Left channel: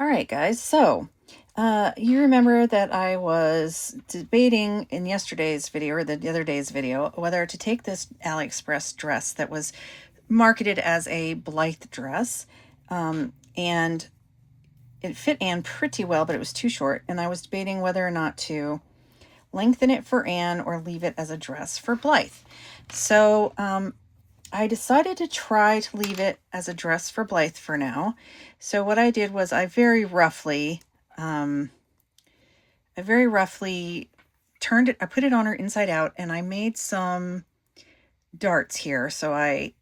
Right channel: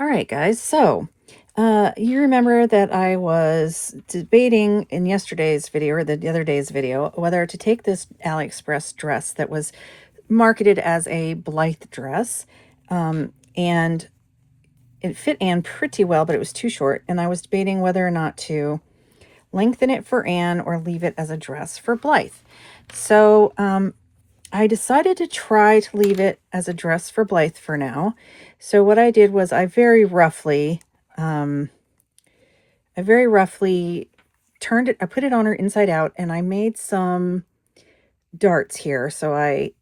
All right, guys. So, you remember that I was debating in yesterday's video or the other day's video whether to take this AliExpress dress that was marketed as a Blythe dress. And it fit Anne pretty well, but it was too short. And I was debating whether or not to lengthen it for Anne or leave it as a dress for Blythe. So, I decided to try to leave it as a dress for Blythe for now. So what I did was I very roughly turned it, I put it on her inside out, and I made some darts here. So I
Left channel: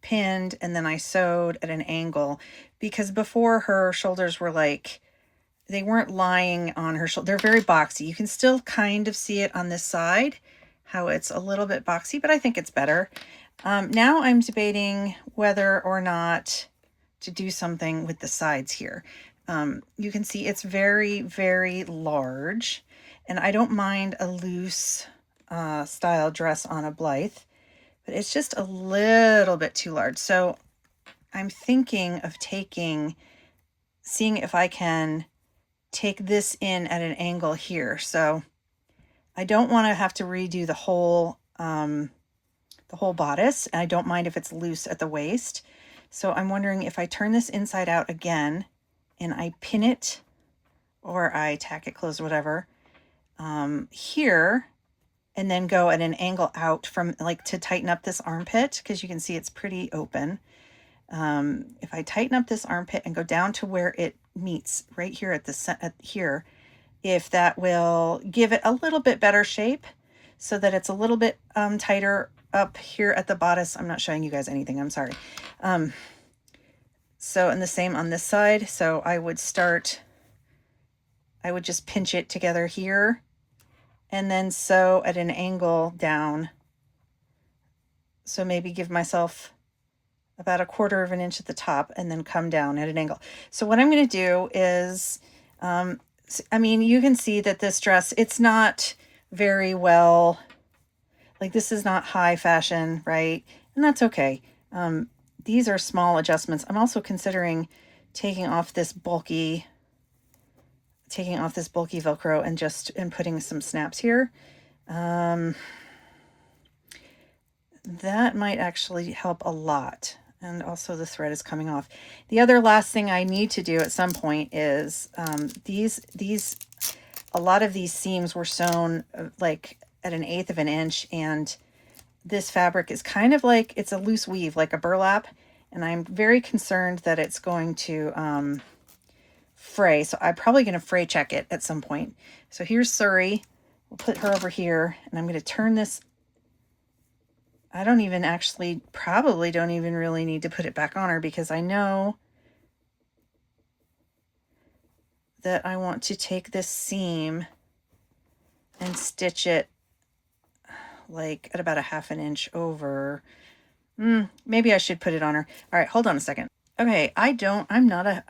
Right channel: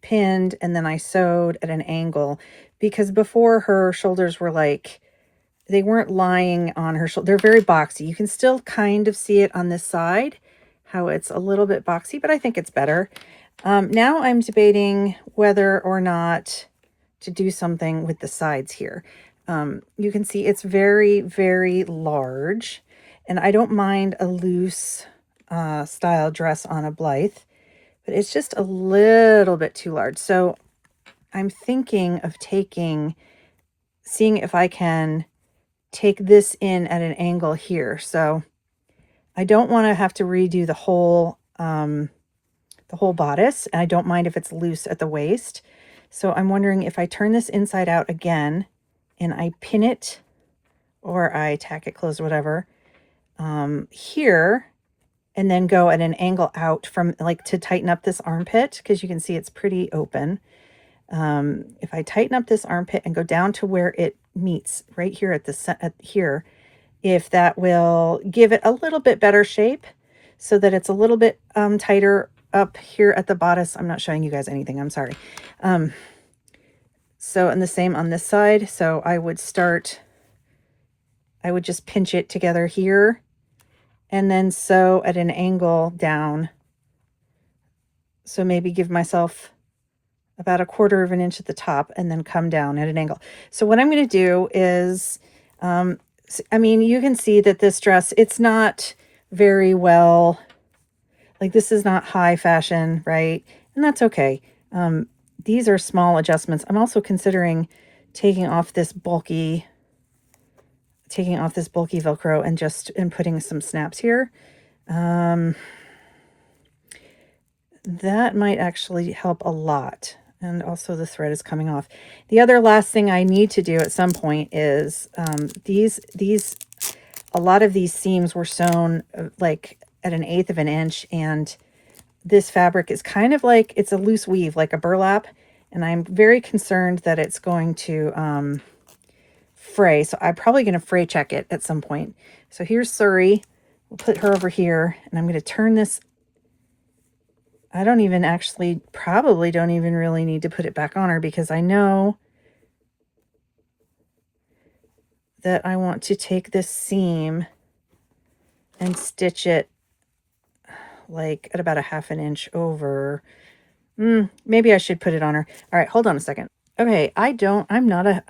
pinned and then I sewed at an angle, because before her shoulders were like, they weren't lying on her shoulder. They're very boxy. You can still kind of see it on this side, how it's a little bit boxy, but I think it's better. Now I'm debating whether or not to do something with the sides here. You can see it's very, very large, and I don't mind a loose style dress on a Blythe, but it's just a little bit too large. So I'm thinking of seeing if I can take this in at an angle here. So I don't want to have to redo the whole bodice, and I don't mind if it's loose at the waist. So I'm wondering if I turn this inside out again and I pin it, or I tack it closed, whatever, here, and then go at an angle out from, like, to tighten up this armpit, because you can see it's pretty open. If I tighten up this armpit and go down to where it meets right here at here, if that will give it a little bit better shape so that it's a little bit tighter up here at the bodice. I'm not showing you guys anything, I'm sorry. So, and the same on this side. So I would just pinch it together here and then sew at an angle down. So maybe give myself about 1/4 of an inch at the top and then come down at an angle. So what I'm going to do is, I mean, you can see that this dress, it's not very well, like, this is not high fashion, right? And that's okay. These are small adjustments. I'm also considering taking off this bulky Velcro and putting some snaps here. That might actually help a lot. And also the thread is coming off. The other last thing I need to do at some point is a lot of these seams were sewn like at 1/8 of an inch, and this fabric is kind of like, it's a loose weave, like a burlap, and I'm very concerned that it's going to fray. So I'm probably going to fray check it at some point. So here's Surrey. We'll put her over here, and I'm going to turn this. I probably don't even really need to put it back on her, because I know that I want to take this seam and stitch it like at about 1/2 an inch over. Maybe I should put it on her. All right, hold on a second. Okay, I am not a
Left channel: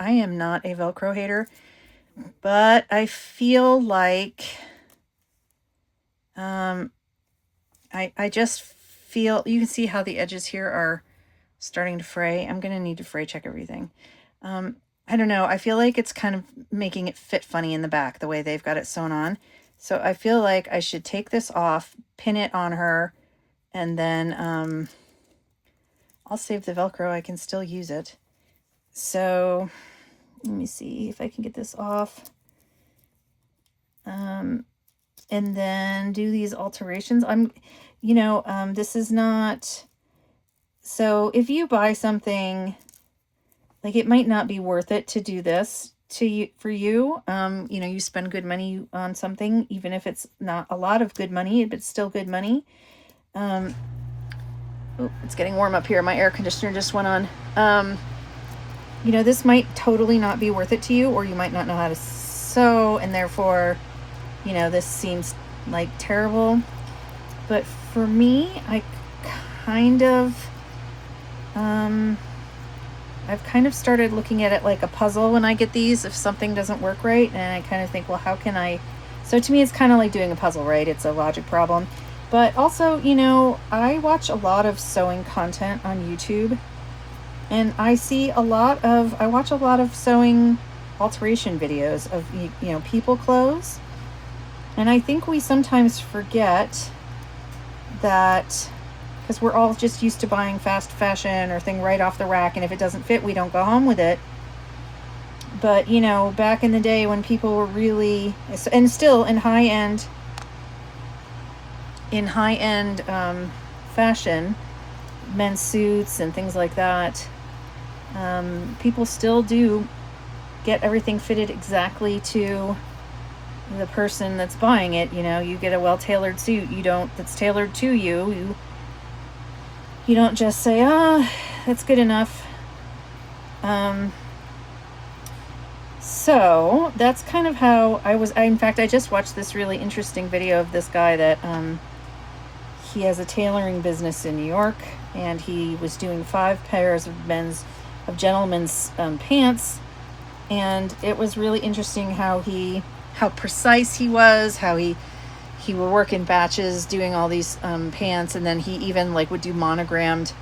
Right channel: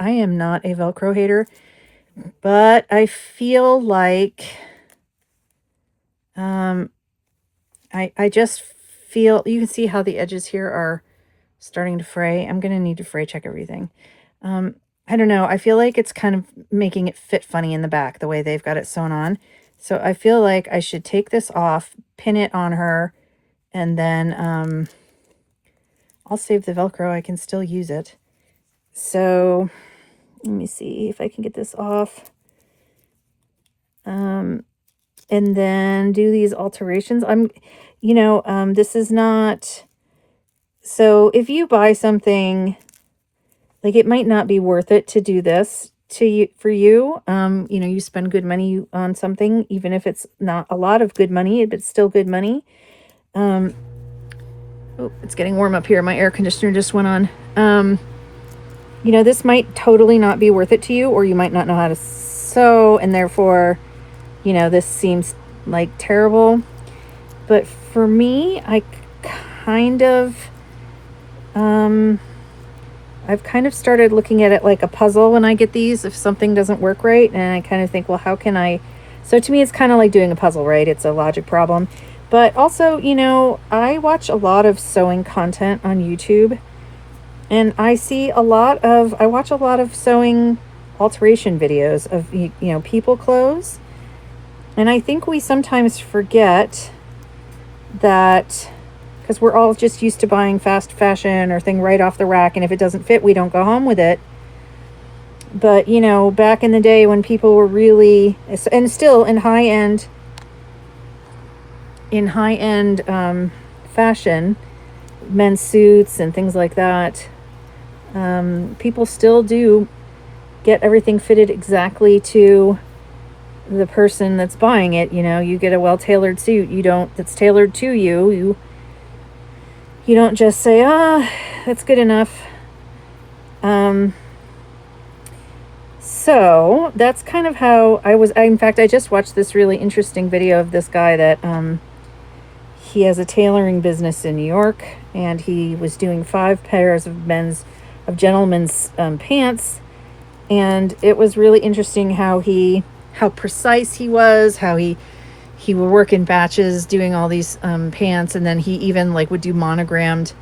Velcro hater, but I feel like I just feel, you can see how the edges here are starting to fray. I'm going to need to fray check everything. I don't know. I feel like it's kind of making it fit funny in the back, the way they've got it sewn on. So I feel like I should take this off, pin it on her, and then I'll save the Velcro. I can still use it. So let me see if I can get this off. And then do these alterations. This is not, so if you buy something, like, it might not be worth it to do this for you. You spend good money on something, even if it's not a lot of good money, but it's still good money. It's getting warm up here. My air conditioner just went on. This might totally not be worth it to you, or you might not know how to sew, and therefore, this seems like terrible. But for me, I've kind of started looking at it like a puzzle when I get these, if something doesn't work right, and I kind of think, well, how can I? So to me, it's kind of like doing a puzzle, right? It's a logic problem. But also, I watch a lot of sewing content on YouTube, and I watch a lot of sewing alteration videos of, you know, people clothes. And I think we sometimes forget that, because we're all just used to buying fast fashion or thing right off the rack, and if it doesn't fit, we don't go home with it. But, you know, back in the day when people were really, and still in high-end fashion, men's suits and things like that, people still do get everything fitted exactly to the person that's buying it. You know, you get a well-tailored suit, that's tailored to you. You don't just say, that's good enough. So that's kind of how in fact, I just watched this really interesting video of this guy that, he has a tailoring business in New York, and he was doing 5 pairs of gentlemen's pants, and it was really interesting how precise he was, how he would work in batches doing all these pants, and then he even like would do monogrammed,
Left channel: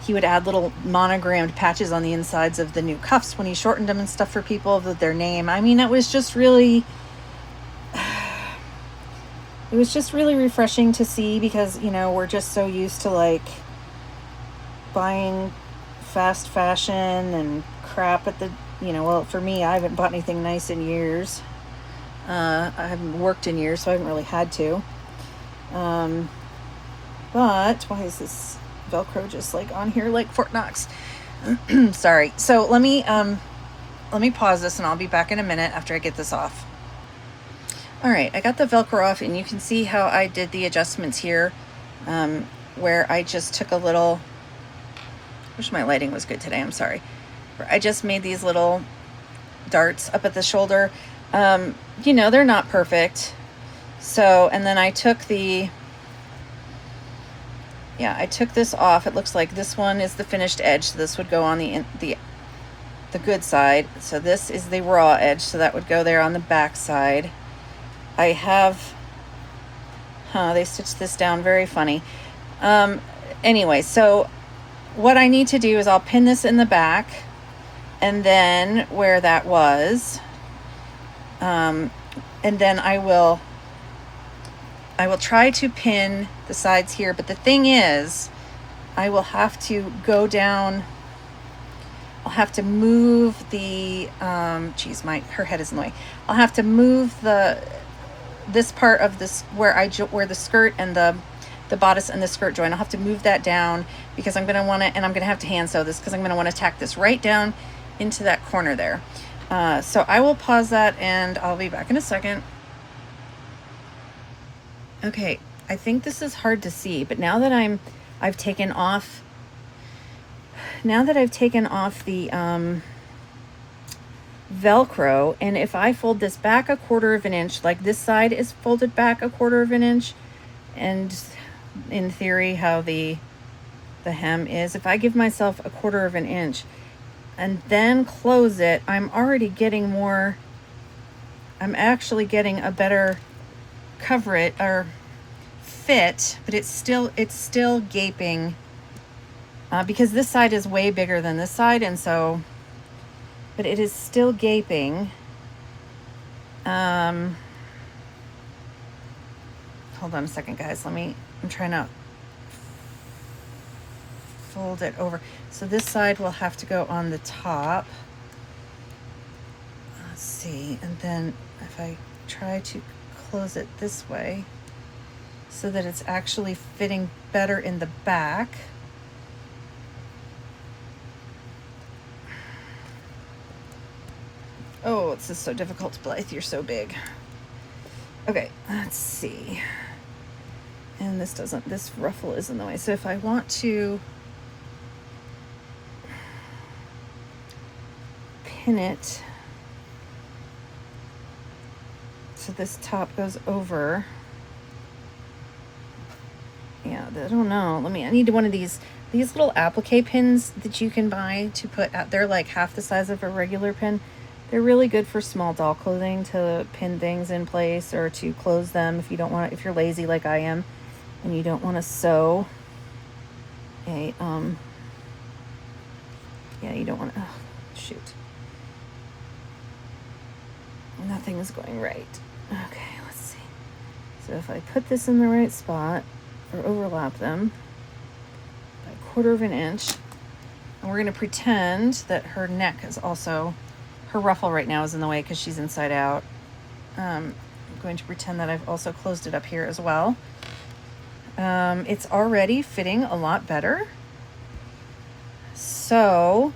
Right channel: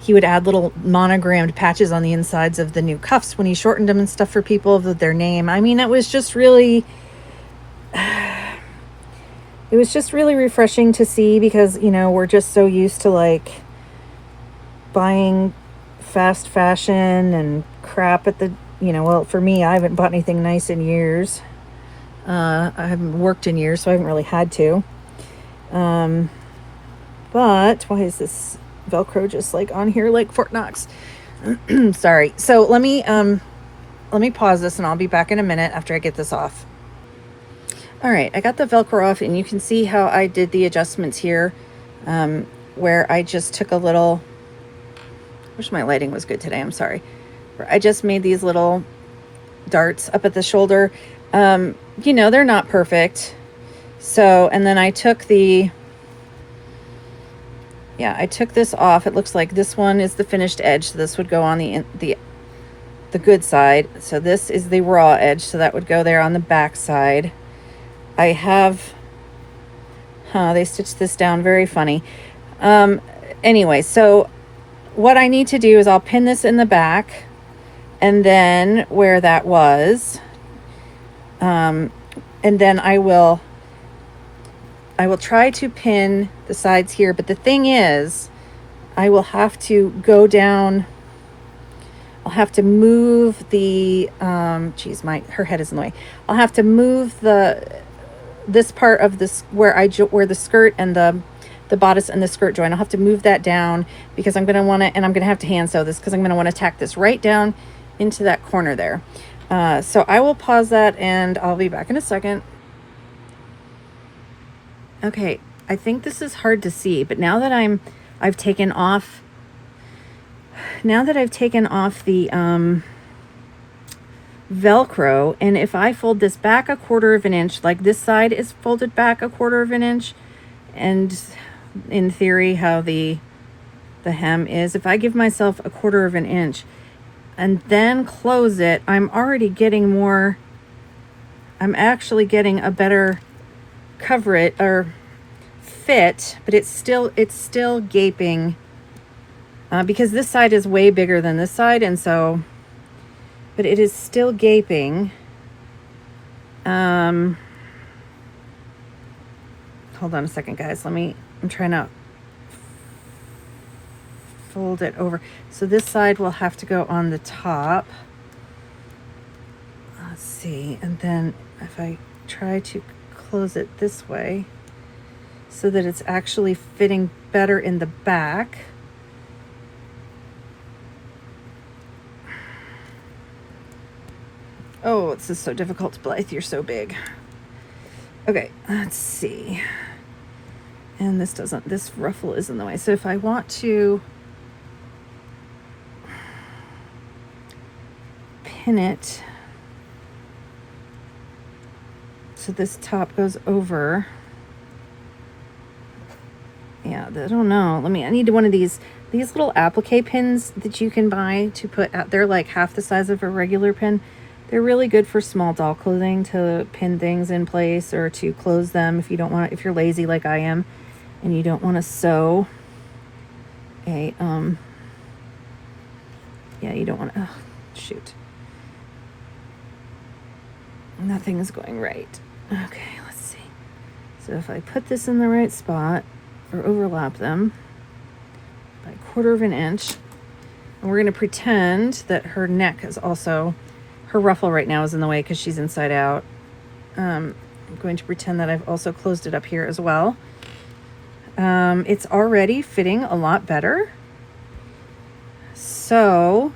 he would add little monogrammed patches on the insides of the new cuffs when he shortened them and stuff for people with their name. I mean, it was just really refreshing to see, because, you know, we're just so used to like buying fast fashion and crap at the, you know, well, for me, I haven't bought anything nice in years. I haven't worked in years, so I haven't really had to. But why is this Velcro just like on here like Fort Knox? Sorry. So let me pause this, and I'll be back in a minute after I get this off. All right, I got the Velcro off, and you can see how I did the adjustments here, where I just took a little, wish my lighting was good today, I'm sorry. I just made these little darts up at the shoulder. You know, they're not perfect. So, and then I took I took this off. It looks like this one is the finished edge, so this would go on the good side. So this is the raw edge, so that would go there on the back side. I have, they stitched this down very funny. Anyway, so what I need to do is I'll pin this in the back, and then where that was, and then I will try to pin the sides here, but the thing is, I will have to go down, I'll have to move the, her head is in the way. I'll have to move this part of this, where the skirt and the bodice and the skirt join. I'll have to move that down, because I'm going to want to, and I'm going to have to hand sew this, because I'm going to want to tack this right down into that corner there. So I will pause that, and I'll be back in a second. Okay, I think this is hard to see, but now that I've taken off the Velcro, and if I fold this back 1/4 of an inch, like this side is folded back 1/4 of an inch, and in theory how the hem is, if I give myself 1/4 of an inch and then close it, I'm actually getting a better cover or fit, but it's still gaping, because this side is way bigger than this side, and so, but it is still gaping. Hold on a second, guys. I'm trying to fold it over. So this side will have to go on the top. Let's see. And then if I try to close it this way so that it's actually fitting better in the back. Oh, this is so difficult, Blythe. You're so big. Okay, let's see. And this ruffle is in the way. So if I want to pin it so this top goes over. Yeah, I don't know. I need one of these little applique pins that you can buy to put out. They're like half the size of a regular pin. They're really good for small doll clothing, to pin things in place or to close them if you're lazy like I am and you don't want to sew you don't want to, Shoot. Nothing's going right. Okay, let's see. So if I put this in the right spot, or overlap them by 1/4 of an inch, and we're going to pretend that her neck is also, her ruffle right now is in the way because she's inside out. I'm going to pretend that I've also closed it up here as well. It's already fitting a lot better. So,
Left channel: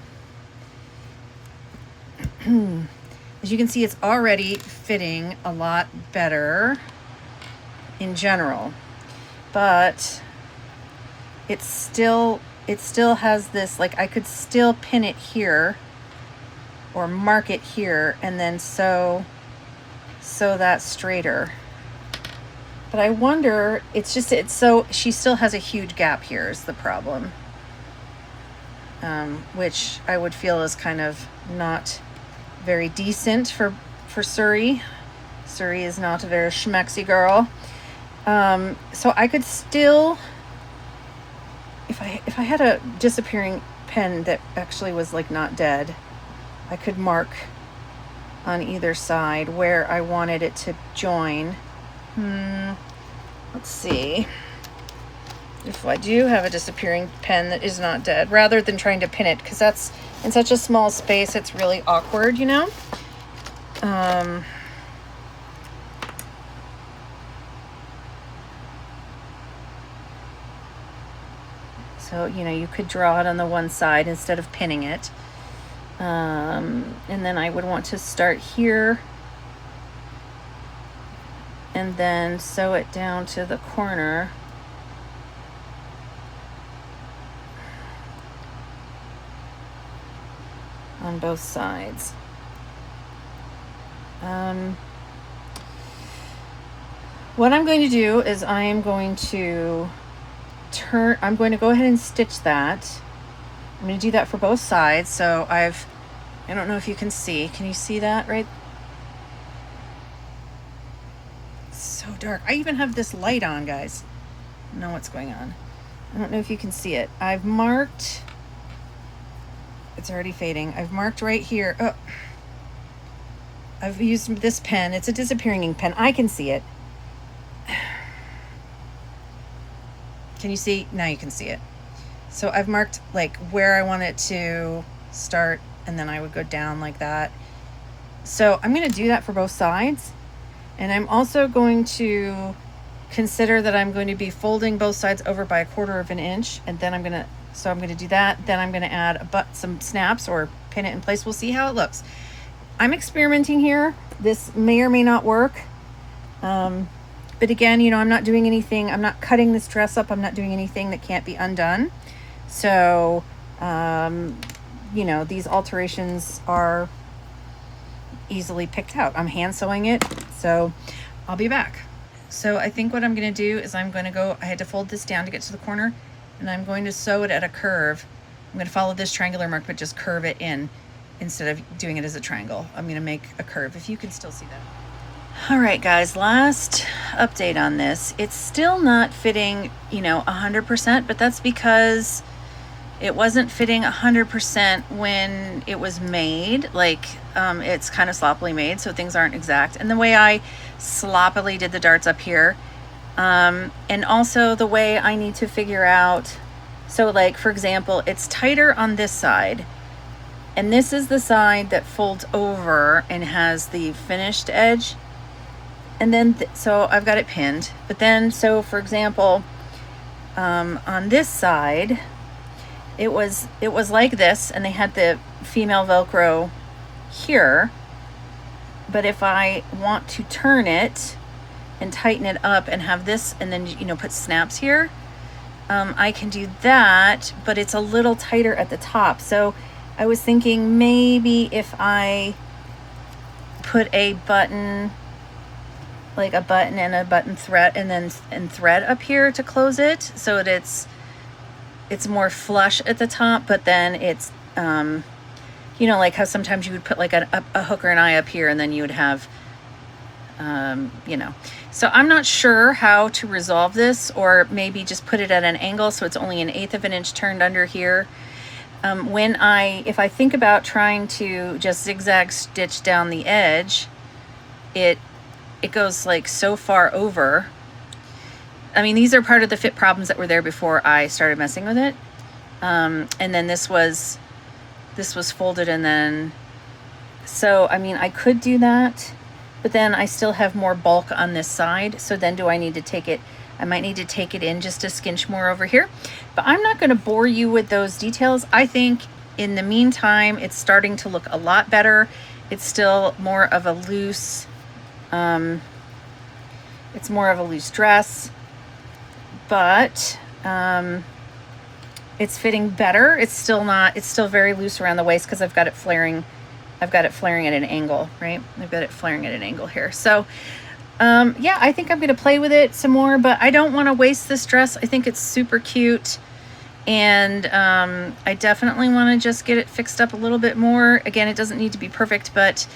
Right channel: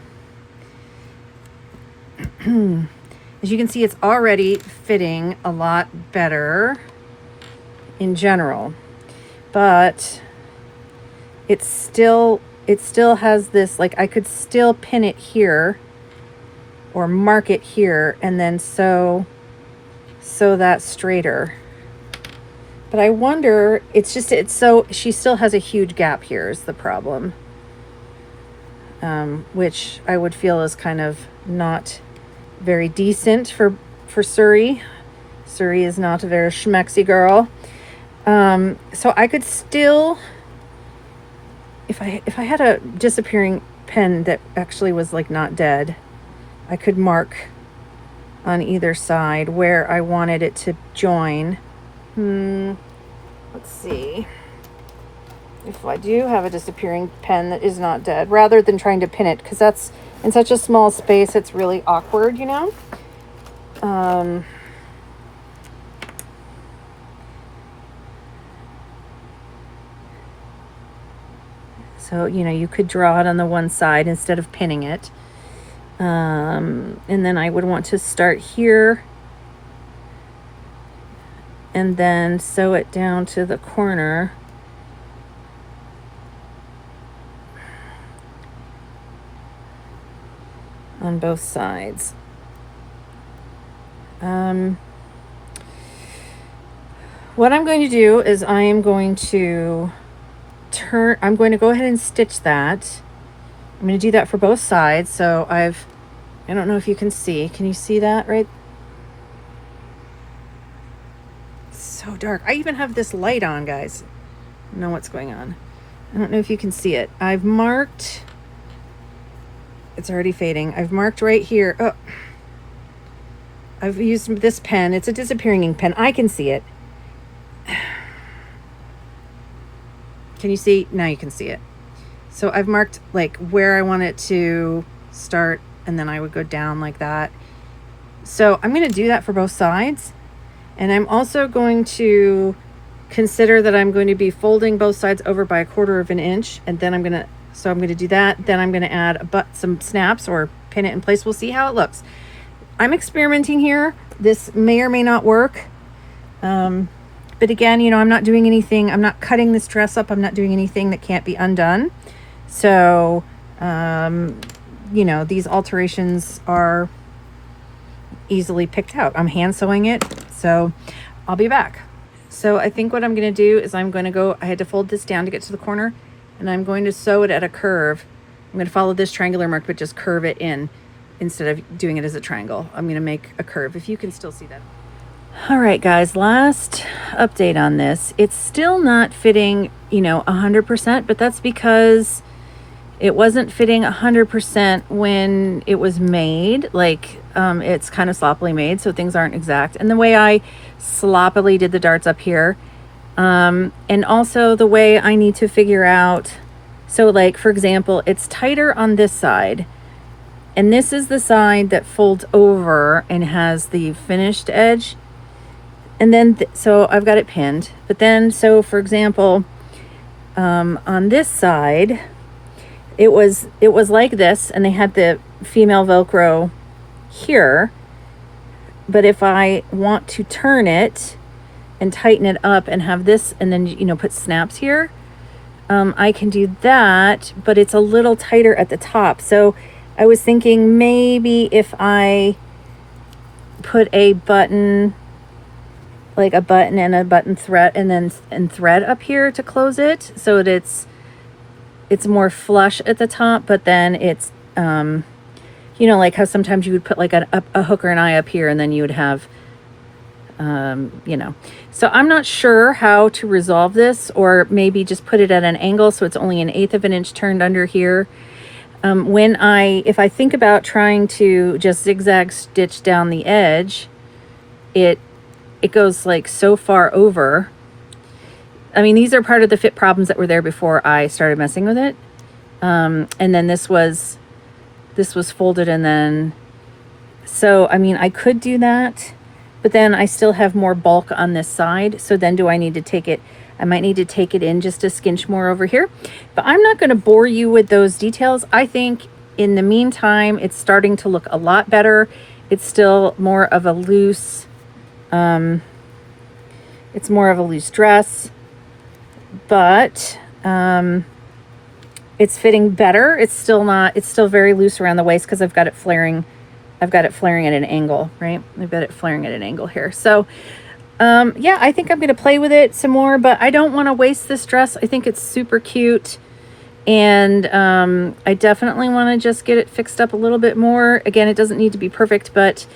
as you can see, it's already fitting a lot better in general, but it still has this, like, I could still pin it here or mark it here and then sew that straighter. But I wonder, so she still has a huge gap here is the problem, which I would feel is kind of not very decent for Suri. Suri is not a very schmexy girl. So I could still, if I had a disappearing pen that actually was like not dead, I could mark on either side where I wanted it to join. Let's see if I do have a disappearing pen that is not dead, rather than trying to pin it, because that's in such a small space, it's really awkward, you know. So, you know, you could draw it on the one side instead of pinning it. And then I would want to start here and then sew it down to the corner. On both sides. What I'm going to do is I'm going to go ahead and stitch that. I'm going to do that for both sides. So I don't know if you can see. Can you see that right? It's so dark. I even have this light on, guys. I don't know what's going on. I don't know if you can see it. I've marked, it's already fading. I've marked right here. Oh, I've used this pen. It's a disappearing ink pen. I can see it. Can you see? Now you can see it. So I've marked like where I want it to start, and then I would go down like that. So I'm going to do that for both sides. And I'm also going to consider that I'm going to be folding both sides over by 1/4 of an inch. And then I'm going to do that. Then I'm going to add some snaps or pin it in place. We'll see how it looks. I'm experimenting here. This may or may not work. But again, you know, I'm not doing anything. I'm not cutting this dress up. I'm not doing anything that can't be undone. So, you know, these alterations are easily picked out. I'm hand sewing it. So I'll be back. So I think what I'm going to do is I had to fold this down to get to the corner, and I'm going to sew it at a curve. I'm going to follow this triangular mark, but just curve it in instead of doing it as a triangle. I'm going to make a curve, if you can still see that. All right, guys, last update on this. It's still not fitting, you know, 100%, but that's because it wasn't fitting 100% when it was made. Like, it's kind of sloppily made, so things aren't exact. And the way I sloppily did the darts up here, and also the way I need to figure out, so like, for example, it's tighter on this side, and this is the side that folds over and has the finished edge. And then, so I've got it pinned, but then, so for example, on this side, it was like this, and they had the female Velcro here. But if I want to turn it and tighten it up and have this, and then, you know, put snaps here, I can do that, but it's a little tighter at the top. So I was thinking maybe if I put a button, like a button and a button thread, and thread up here to close it, so that it's more flush at the top, but then it's, you know, like how sometimes you would put like a hook or an eye up here, and then you would have, you know. So I'm not sure how to resolve this, or maybe just put it at an angle so it's only 1/8 of an inch turned under here. if I think about trying to just zigzag stitch down the edge, it goes like so far over. I mean, these are part of the fit problems that were there before I started messing with it. And then this was folded, and then, so I mean, I could do that, but then I still have more bulk on this side. So then do I need to take it? I might need to take it in just a skinch more over here, but I'm not going to bore you with those details. I think in the meantime, it's starting to look a lot better. It's still more of a loose, it's more of a loose dress, but it's fitting better. It's still very loose around the waist because I've got it flaring at an angle, right? I've got it flaring at an angle here. So yeah, I think I'm going to play with it some more, but I don't want to waste this dress. I think it's super cute. And I definitely want to just get it fixed up a little bit more. Again, it doesn't need to be perfect, but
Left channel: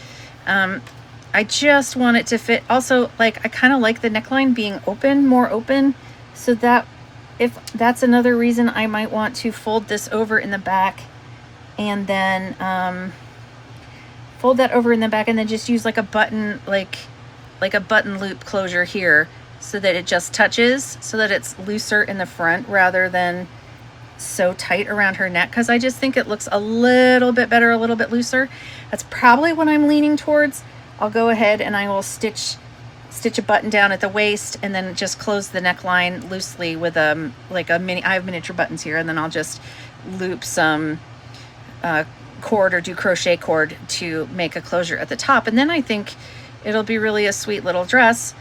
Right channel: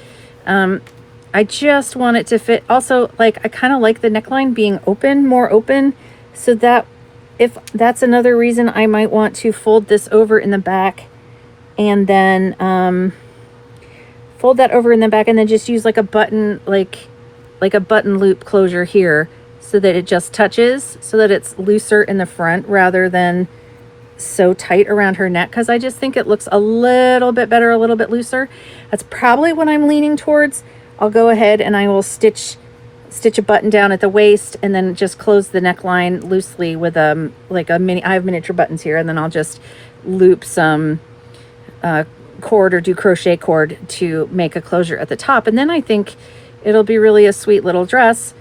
I just want it to fit. Also, like, I kind of like the neckline being more open, so that if that's another reason I might want to fold this over in the back, and then fold that over in the back, and then just use like a button, like a button loop closure here, so that it just touches, so that it's looser in the front rather than so tight around her neck, because I just think it looks a little bit better, a little bit looser. That's probably what I'm leaning towards. I'll go ahead and I will stitch a button down at the waist, and then just close the neckline loosely with like a mini, I have miniature buttons here, and then I'll just loop some cord or do crochet cord to make a closure at the top, and then I think it'll be really a sweet little dress.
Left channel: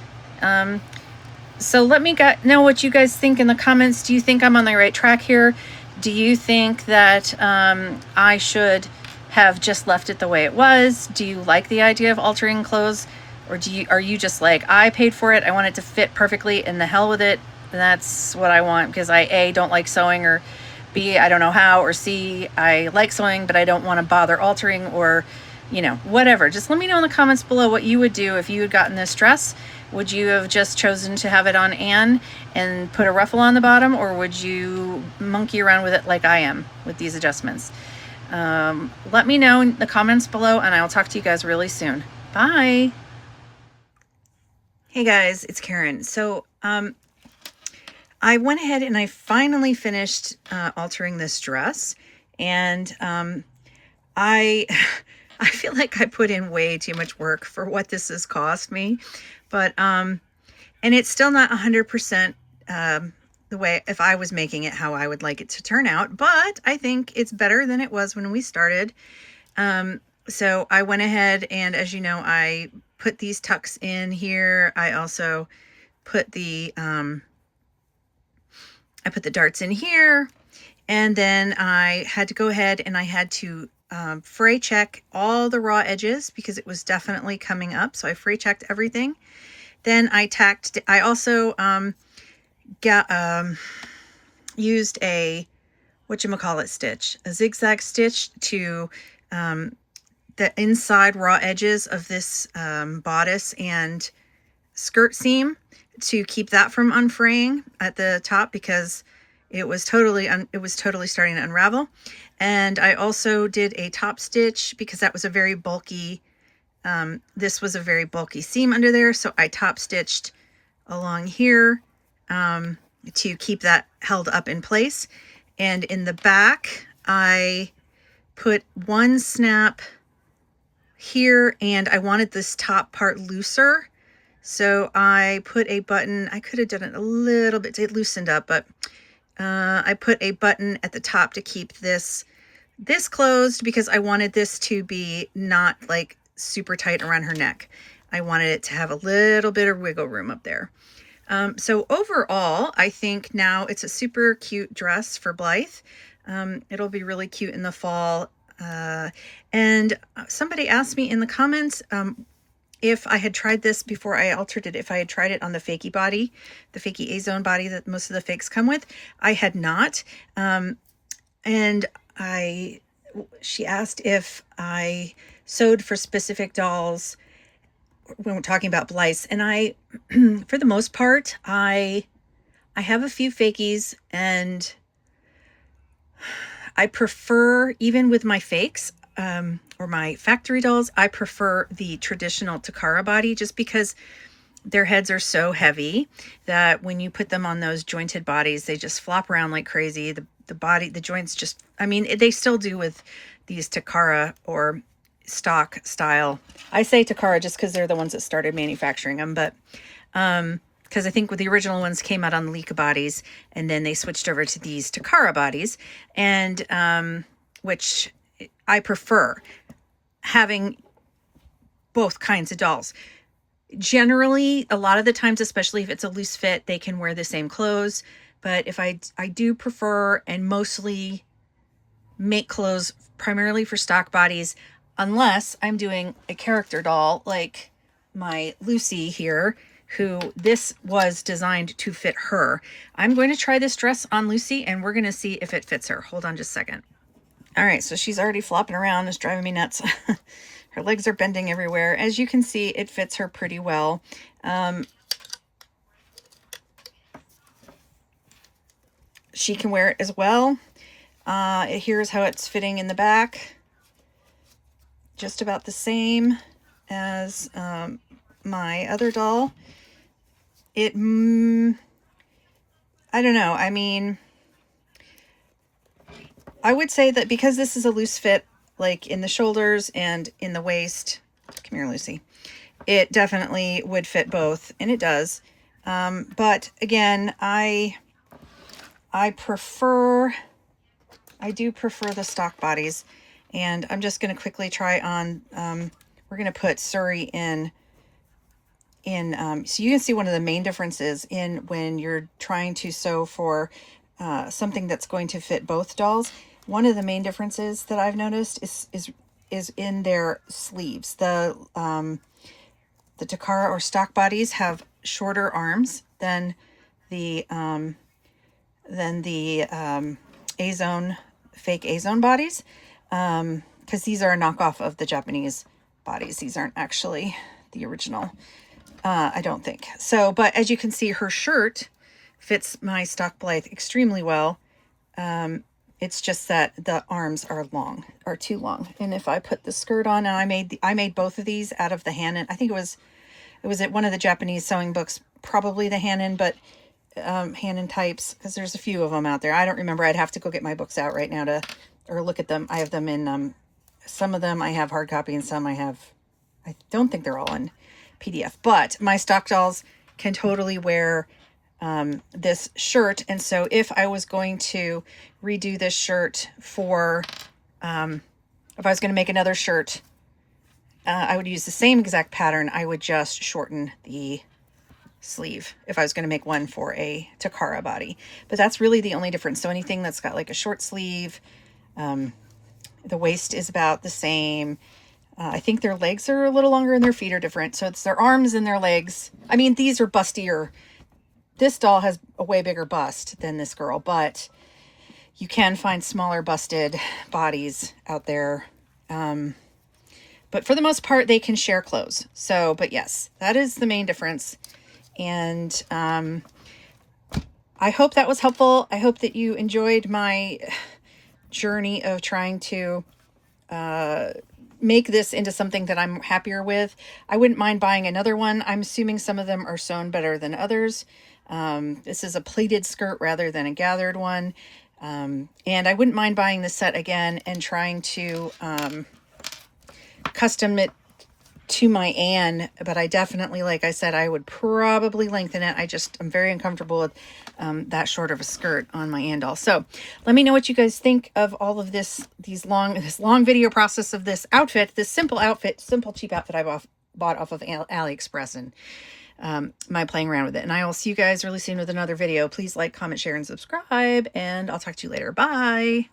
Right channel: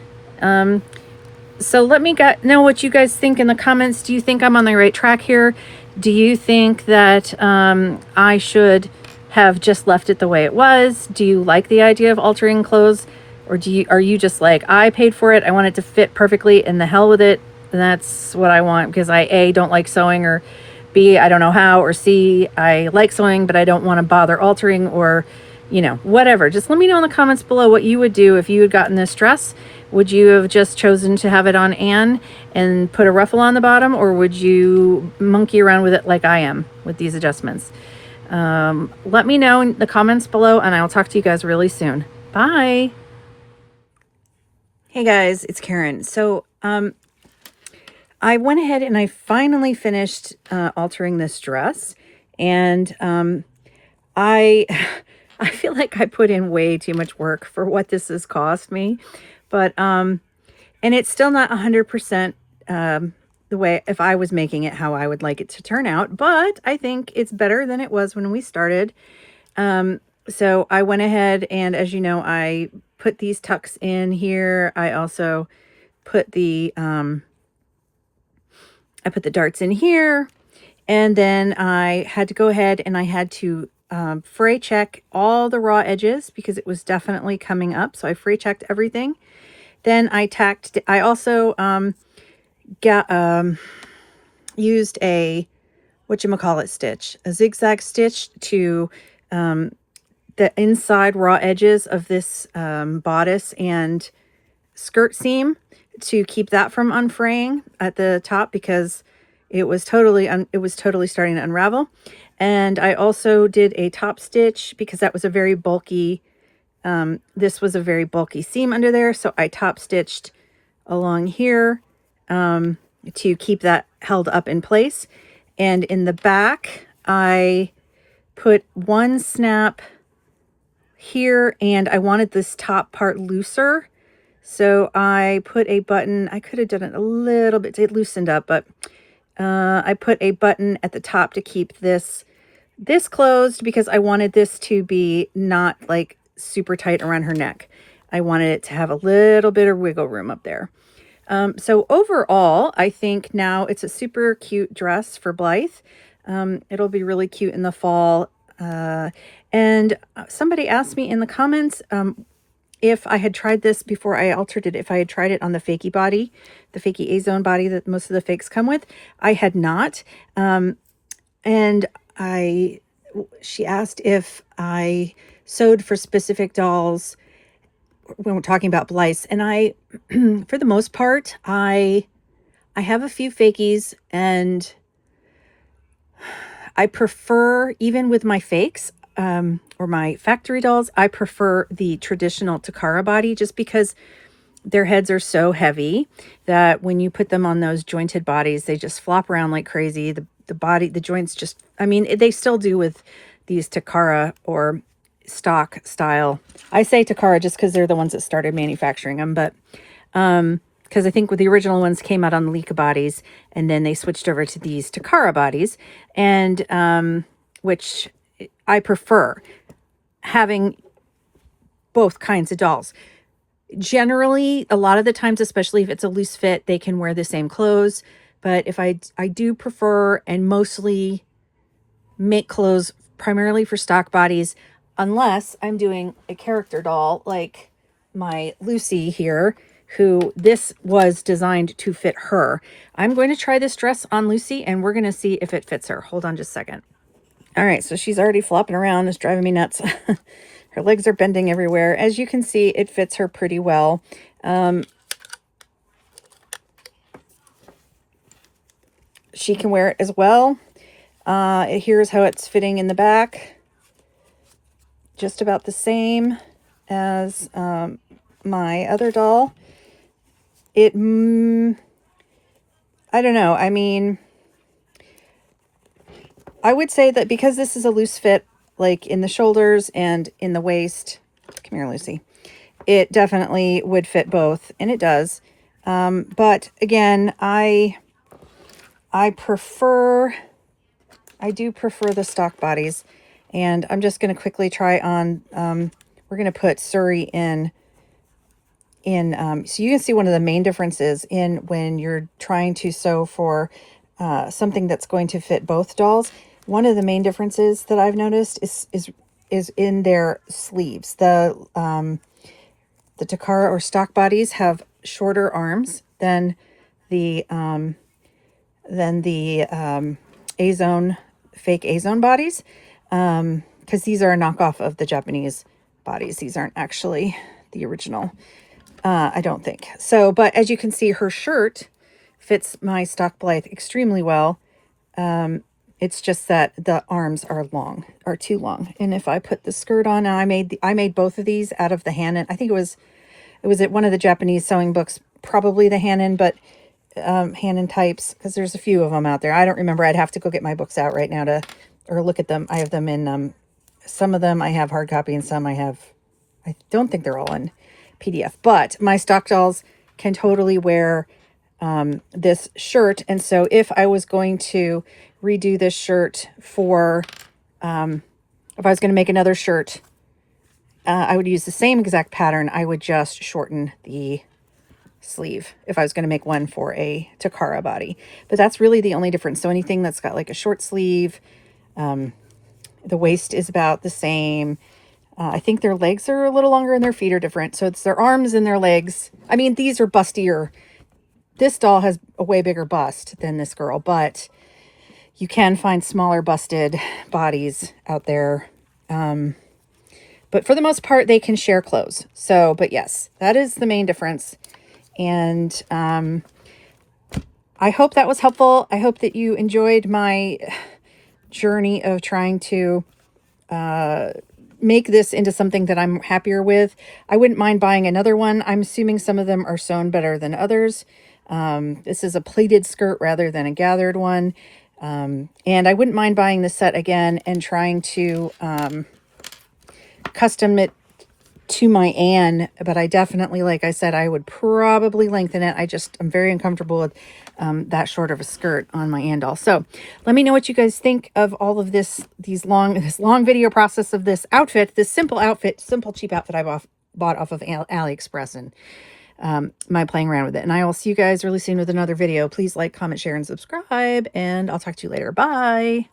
So let me know what you guys think in the comments. Do you think I'm on the right track here? Do you think that I should have just left it the way it was? Do you like the idea of altering clothes? Or are you just like, I paid for it, I want it to fit perfectly, and the hell with it, and that's what I want, because I A, don't like sewing, or B, I don't know how, or C, I like sewing but I don't want to bother altering, or whatever. Just let me know in the comments below what you would do if you had gotten this dress. Would you have just chosen to have it on Anne and put a ruffle on the bottom, or would you monkey around with it like I am with these adjustments? Let me know in the comments below, and I'll talk to you guys really soon. Bye. Hey guys, it's Karen. So I went ahead and I finally finished altering this dress, and I feel like I put in way too much work for what this has cost me, but and it's still not 100% the way, if I was making it how I would like it to turn out, but I think it's better than it was when we started. So I went ahead and, as you know, I put these tucks in here. I also put the darts in here, and then I had to go ahead and I had to fray check all the raw edges because it was definitely coming up. So I fray checked everything. Then I also used a stitch, a zigzag stitch to the inside raw edges of this bodice and skirt seam to keep that from unfraying at the top, because it was totally starting to unravel. And I also did a top stitch because that was a very bulky, this was a very bulky seam under there. So I top stitched along here to keep that held up in place. And in the back, I put one snap here, and I wanted this top part looser. So I put a button, I could have done it a little bit, it loosened up, but I put a button at the top to keep this closed, because I wanted this to be not like super tight around her neck. I wanted it to have a little bit of wiggle room up there. So overall, I think now it's a super cute dress for Blythe. It'll be really cute in the fall. And somebody asked me in the comments if I had tried this before I altered it, if I had tried it on the fakey body, the fakey A-zone body that most of the fakes come with. I had not. And she asked if I sewed for specific dolls when we're talking about Blythe. And I, for the most part, I have a few fakies, and I prefer, even with my fakes, or my factory dolls, I prefer the traditional Takara body, just because their heads are so heavy that when you put them on those jointed bodies, they just flop around like crazy. The joints just, I mean, they still do with these Takara or stock style. I say Takara just because they're the ones that started manufacturing them, but because I think with the original ones came out on the Leica bodies, and then they switched over to these Takara bodies, and which I prefer having both kinds of dolls. Generally, a lot of the times, especially if it's a loose fit, they can wear the same clothes. But if I do prefer and mostly make clothes primarily for stock bodies, unless I'm doing a character doll like my Lucy here, who this was designed to fit her. I'm going to try this dress on Lucy, and we're going to see if it fits her. Hold on just a second. All right, so she's already flopping around. It's driving me nuts. Her legs are bending everywhere. As you can see, it fits her pretty well. She can wear it as well. Here's how it's fitting in the back. Just about the same as my other doll. I don't know. I mean, I would say that because this is a loose fit, like in the shoulders and in the waist, come here, Lucy, it definitely would fit both, and it does. But again, I do prefer the stock bodies, and I'm just going to quickly try on, we're going to put Suri in, so you can see one of the main differences in when you're trying to sew for something that's going to fit both dolls. One of the main differences that I've noticed is in their sleeves. The Takara or stock bodies have shorter arms than the A-Zone, fake A-Zone bodies, because these are a knockoff of the Japanese bodies. These aren't actually the original, I don't think. So, but as you can see, her shirt fits my stock Blythe extremely well. It's just that the arms are too long. And if I put the skirt on, I made both of these out of the Hanon. I think it was at one of the Japanese sewing books, probably the Hanon, but Hanon types, because there's a few of them out there. I don't remember. I'd have to go get my books out right now or look at them. I have them in, some of them I have hard copy, and some I don't think they're all in PDF, but my stock dolls can totally wear this shirt. And so if I was going to redo this shirt for, if I was going to make another shirt, I would use the same exact pattern. I would just shorten the sleeve if I was going to make one for a Takara body. But that's really the only difference. So anything that's got like a short sleeve, the waist is about the same. I think their legs are a little longer and their feet are different. So it's their arms and their legs. I mean, these are bustier. This doll has a way bigger bust than this girl, but you can find smaller busted bodies out there. But for the most part, they can share clothes. So, but yes, that is the main difference. And I hope that was helpful. I hope that you enjoyed my journey of trying to make this into something that I'm happier with. I wouldn't mind buying another one. I'm assuming some of them are sewn better than others. This is a pleated skirt rather than a gathered one. And I wouldn't mind buying the set again and trying to custom it to my Anne, but I definitely, like I said, I would probably lengthen it. I'm very uncomfortable with that short of a skirt on my Anne doll. So let me know what you guys think of all of this long video process of this outfit, this simple cheap outfit I bought off of AliExpress, and my playing around with it. And I will see you guys really soon with another video. Please like, comment, share, and subscribe, and I'll talk to you later. Bye.